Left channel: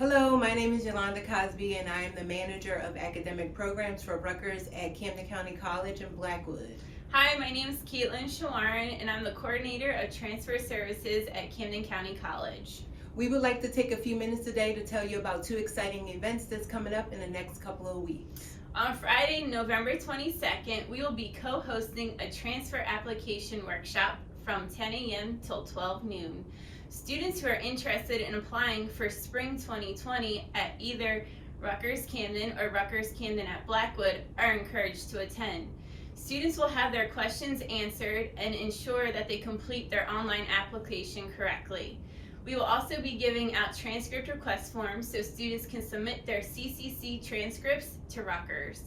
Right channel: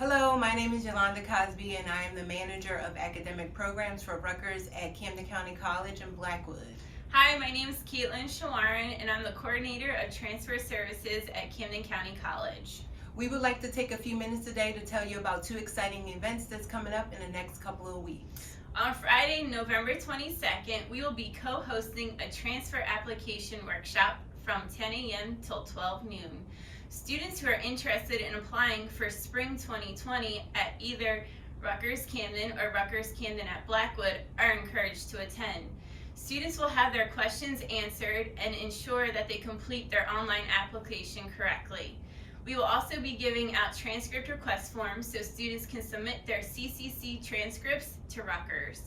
Hello, my name is Yolanda Cosby and I am the manager of academic programs for Rutgers at Camden County College in Blackwood. Hi, my name is Caitlin Shawarn and I'm the coordinator of transfer services at Camden County College. We would like to take a few minutes today to tell you about two exciting events that's coming up in the next couple of weeks. On Friday, November 22nd, we will be co-hosting a transfer application workshop from 10 a.m. till 12 noon. Students who are interested in applying for spring 2020 at either Rutgers Camden or Rutgers Camden at Blackwood are encouraged to attend. Students will have their questions answered and ensure that they complete their online application correctly. We will also be giving out transcript request forms so students can submit their CCC transcripts to Rutgers.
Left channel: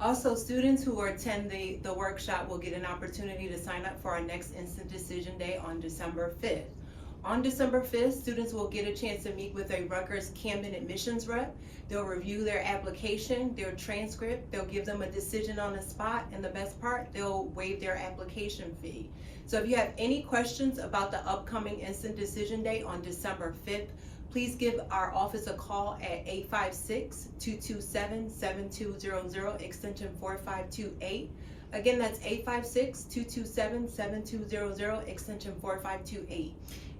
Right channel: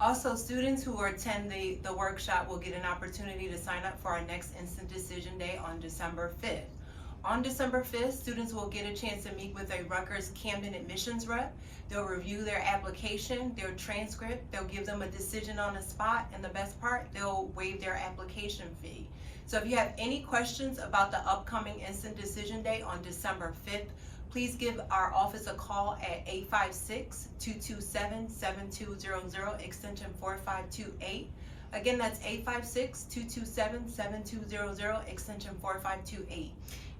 Also, students who attend the workshop will get an opportunity to sign up for our next Instant Decision Day on December 5th. On December 5th, students will get a chance to meet with a Rutgers Camden admissions rep. They'll review their application, their transcript, they'll give them a decision on the spot, and the best part, they'll waive their application fee. So if you have any questions about the upcoming Instant Decision Day on December 5th, please give our office a call at 856-227-7200, extension 4528. Again, that's 856-227-7200, extension 4528.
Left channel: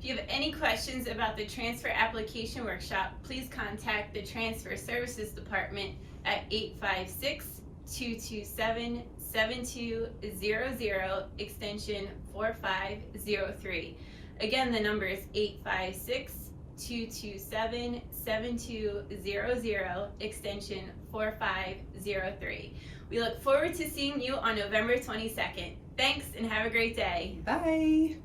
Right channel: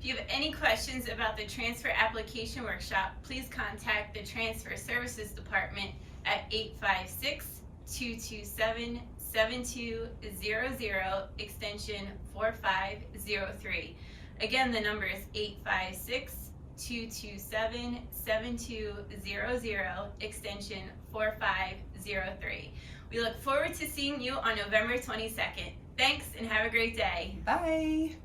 If you have any questions about the transfer application workshop, please contact the Transfer Services Department at 856-227-7200, extension 4503. Again, the number is 856-227-7200, extension 4503. We look forward to seeing you on November 22nd. Thanks and have a great day. Bye.